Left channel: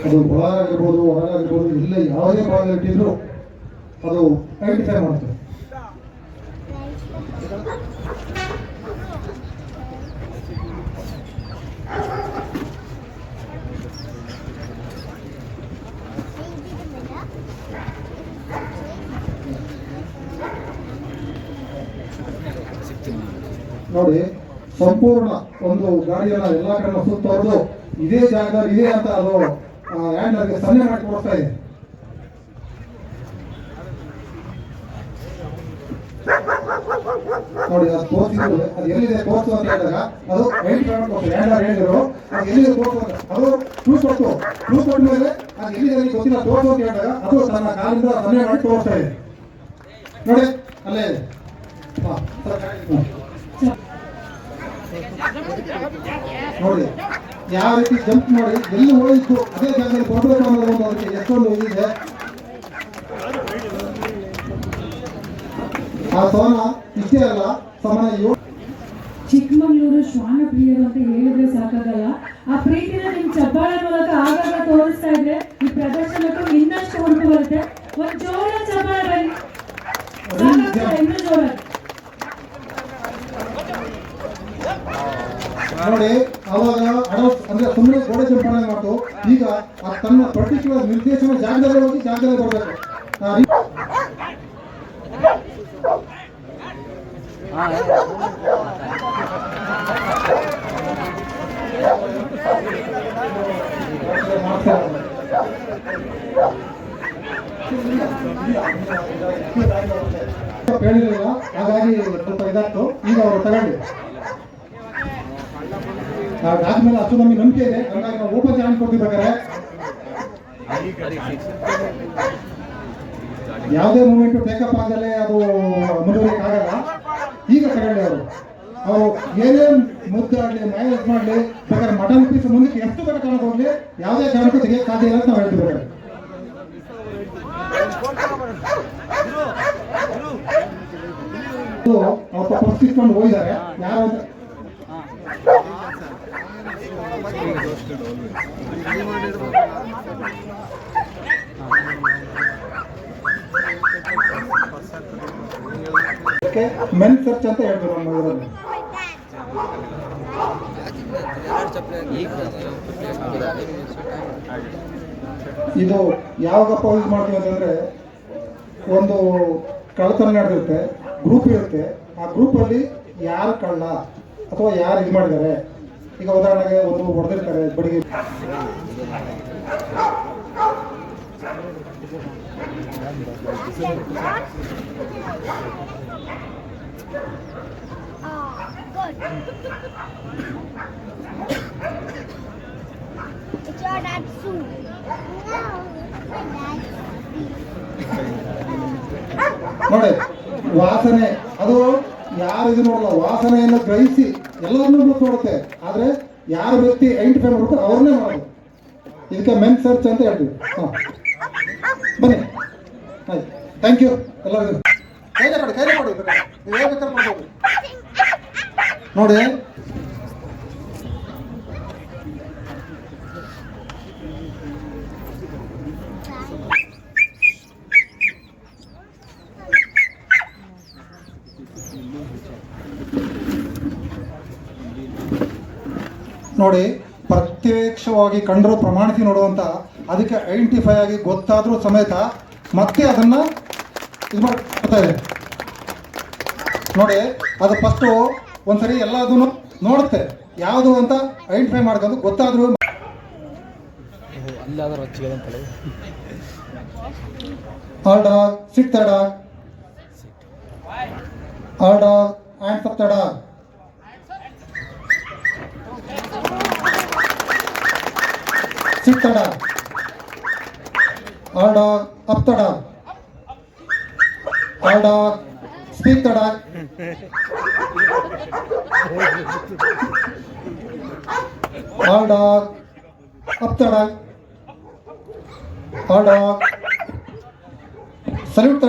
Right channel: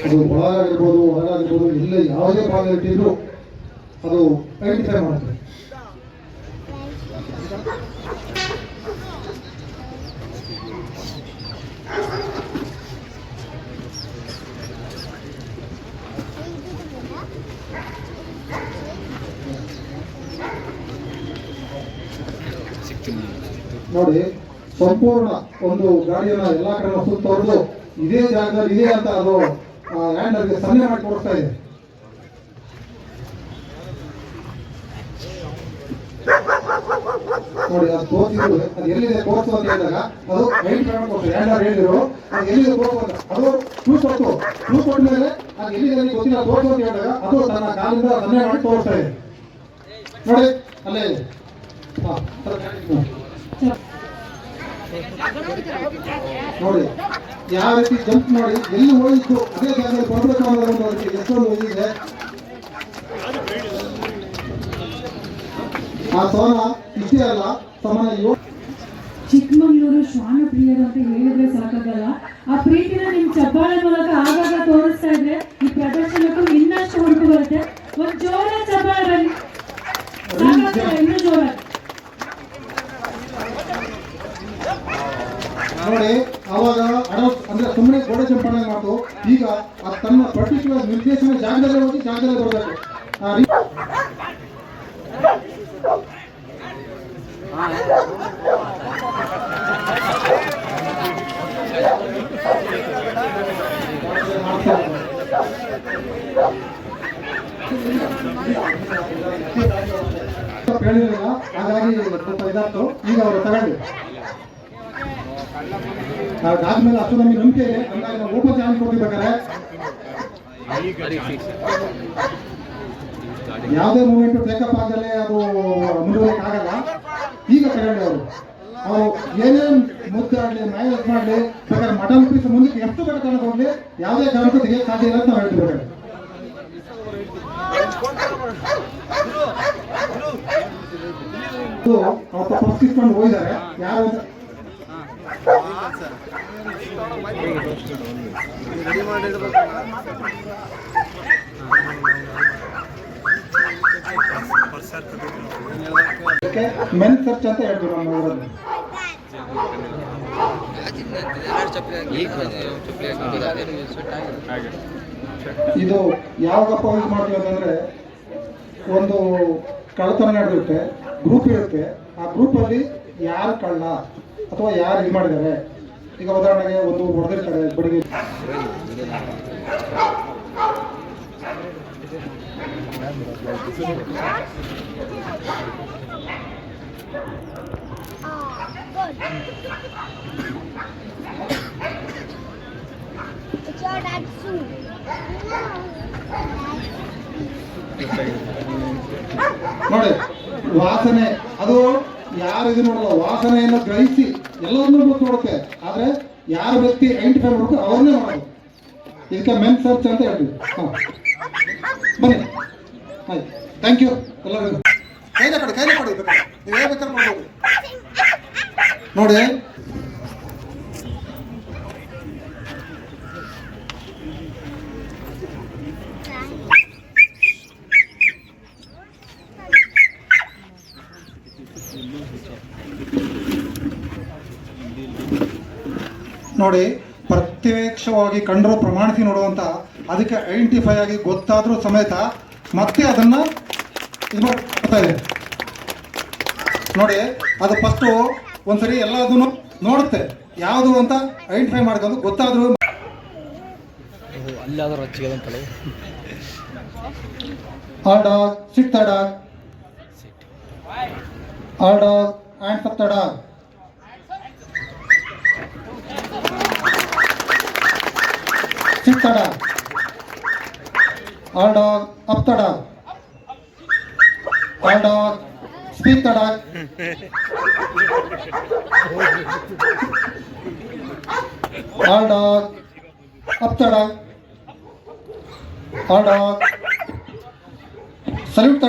ಅದು ಒಳಗಾಗಿರ್ಬೋದು ಹೊರಗಾಗಿರ್ಬೋದು ಇಲ್ಲ ಯಾವುದೇ ಭಾಗ ಇಟ್ಟಿದ್ರು ಅದು ಐಡೆಂಟಿಫೈ ಮಾಡುತ್ತೆ ನೋಡಿ, ಸಂಪೂರ್ಣ ಒಂದು ಗಾಡಿಯನ್ನ ಎಲ್ಲಾ ಕಡೆ ಸುತ್ತವರೆದು ಇದೇ ಜಾಗದಲ್ಲಿ ಇದೆ ಅಂತ ಅದು ಹ್ಯಾಂಡರ್ಗೆ ಸನ್ನೆ ಮಾಡಿ ಕೊಡ್ತಾ ಇದೆ. ನೋಡಿ, ಅದು ತೋರಿಸಿದ್ರು ಅದು ಎಲ್ಲಿದೆ ತೋರಿಸು ಅಂತ ಹೇಳಿದಾಗ, ಅದು ಐಡೆಂಟಿಫೈ ಹ್ಯಾಂಡ್ ಹ್ಯಾಂಡರ್ ಹೇಳಿದ್ರು, ಅದು ಎಲ್ಲಿದೆ ತೋರಿಸು ಅಂತ, ಅದು ಟೂ ಕೊಟ್ಟು ಟೂ ಕೊಟ್ಟ ಮೇಲೆ ಅದು ಎಲ್ಲಿದೆ ಗೊತ್ತಿಲ್ಲ, ತೋರಿಸು ಅಂತ ಹೇಳಿದಾಗ, ಅದು ತನ್ನ ಕಾಲಿಂದ ಸನ್ನೆ ಮಾಡಿ ತೋರಿಸ್ತಾ ಇದೆ. ನೋಡಿ, ಅಲ್ಲೇ ಹಾ. ನೋಡಿ, ಯಾವ ರೀತಿ ಜಂಪ್ ಮಾಡಿ ಎಲ್ಲಿ ಹೋಯಿತು ಅದೇ ಜಾಗದಲ್ಲಿ ಕೊಡಬೇಕು ಅನ್ನೋದು ಒಂದು ಅದಕ್ಕೆ ಎಷ್ಟೊಂದು ಇದಿದೆ ಆ ಸೋನ ಇಷ್ಟೇ ಅಲ್ಲ ಸಮಾನ ಚಿಕ್ಕಮಗಳೂರು ಶ್ವಾನ ಪ್ರಿಯರು ಅಂತ ಹೇಳಿದ್ರೆ ಸಾಕಾಗಲ್ಲ. ಆ ಪ್ರೀತಿನ ನಿಮ್ ಚಪ್ಪಾಳೆ ಮೂಲಕ ಆಗಾಗ ತೋರಿಸ್ತಾ ಇದ್ರೆ ಈ ಪ್ರದರ್ಶನಕ್ಕೂ ಇನ್ನಷ್ಟು ಹುಡುಕು ಬರುತ್ತೆ. ಒಂದ್ ಜೋರ ಚಪ್ಪಾಳೆ ಬನ್ನಿ. ಇನ್ನೂ ಜೋರ ನೋಡಿ, ಅವಾಗ ಅಂದ್ರೆ ಸುಮ್ಮನೆ ಗೋಡೆ ಸಂಪಾದನೆ ಮಾಡ್ತು. ಈಗ ತನ್ನ ಪರ್ಟಿಕ್ಯುಲರ್ ನಿರ್ದೇಶನ ಜಾಗದಲ್ಲಿ ಹೋಗಿ ಜಾಗದಲ್ಲಿ ಬರಬೇಕು ಹೇಳಿದ್ರಲ್ಲ ಹಾಗಾಗಿ ಸ್ವಲ್ಪ ಇದಾಗ್ತು ಈಗ ಅವರು ತಗೊಂಡು ನಾವು ಆದ್ಮೇಲೆ ಅಷ್ಟು ನಮಗೆ ನಂಬಿಕೆ ಇದೆ. ಹಂಗಾಗಿ ನಾವು ಓಪನ್ ಚಾನ್ಸ್ ಕೊಟ್ಟಿರ್ಬೇಕಾದ್ರೆ ಯಾವುದೇ ಮೂಮೆಂಟ್ ಬೇಕಪ್ ಆಗದಲ್ಲೇ ಅದು ಮುಂದುವರಿಕೆ ಆಗಲ್ಲ. ಈಗ ತಗೊಂಡೆ ಅವರು. ಅವರು ಏನೇನ್ ಮುದ್ದೆ ಆಗಲಿ ನಾಯಿ ಮಾಡಲಿ, ಬೇಕಾದ್ರೆ ಮಟನ್ ಪೀಸ್ ಮುಂದಕ್ಕೆ ಎಷ್ಟು ಬೇಕು ತಗೊಂಡು ಹೋಗಲಿ, ಯಾವುದೇ ಕಾರಣಕ್ಕೂ ತೆಗೆಯಕ್ಕೆ ಸಾಧ್ಯ ಇಲ್ಲ ಅಂತ ನಾವು ಹೇಳ್ತಿರ್ಬೇಕಾದ್ರೆ ಅವ್ರು ತಪ್ಪಿಸ್ಕೊಂಡು ಹೋಗಿದ್ದಾರೆ. ಯಾರು ಮೆನ್ ಅಂತ ಹೇಳ್ತೀವಿ ನಮ್ಮ ಇದು ಯಾವಾಗಪ್ಪ ಯೂಸ್ ಮಾಡ್ತೀವಿ ಅಂತಂದ್ರೆ ಒಂದು ಕಳ್ಳತನ ನಡೆದಿರುತ್ತೆ ಗ್ರೂಪ್ ಇರುತ್ತೆ. ಆ ಗ್ರೂಪಲ್ಲಿ ಯಾರು ಕಳ್ಳ ಅಥವಾ ಯಾರು ಇದು ಮಾಡಿದ್ದಾರೆ? ಈಗ ಉದಾಹರಣೆಗೆ ಒಂದು ಹೊಡೆದಿರ್ತಾರೆ ಬಡಿಗೆ It's your dad's suit. ನೋಡಿ ವಾಸನೆ ಅದು ಯಾರು ನೋಡಲ್ಲ ವಾಸನೆಯನ್ನು ಗ್ರಹಿಸಿ ಎಲ್ಲರನ್ನೂ ಗೊತ್ತು ಆದರೆ ಯಾರ ವ್ಯಕ್ತಿ ಐಡೆಂಟಿಫೈ ಮಾಡಬೇಕು ಅವ್ರನ್ನೇ ಮಾಡೋದು. ಇದಕ್ಕೆ ಮೆನ್ ಸರ್ಚ್ ಅಂತ ಹೇಳ್ತೀವಿ. ಬನ್ನಿ. ಥ್ಯಾಂಕ್ ಯು ಎಲ್ಲರಿಗೂ. ಕೈಲೇ ಕೈಲೇ ಕೊಡಿ ನೋಡಿ. ನೋಡಿ ಪ್ರತ್ಯಕ್ಷವಾಗಿ ಕಂಡರೂ ಪ್ರಮಾಣಿಸಿ ನೋಡುವಂತ ಅದಕ್ಕೆ ಐಡೆಂಟಿಫೈ ಆಗಿ ಗೊತ್ತಾದರೂ ಸಮೇತ ಮತ್ತೆ ಅದನ್ನ ಇದು ಮಾಡ್ತಾ ಇದೆ ನೋಡಿ ಅದು ಫಸ್ಟು ಒಂದ್ಸರಿ ಎಲ್ಲದನ್ನು ನೋಡುತ್ತೆ. ಯಾವುದು ಅಂತ ಐಡೆಂಟಿಫೈ ಮಾಡ್ಕೊಂಡು ಗೊತ್ತಾದರೂ ಅಲ್ಲಾದರೂ dog sit the dog all dog and up the dog sit the dog all dog up the dog all dog speak the dog all dog up the dog salute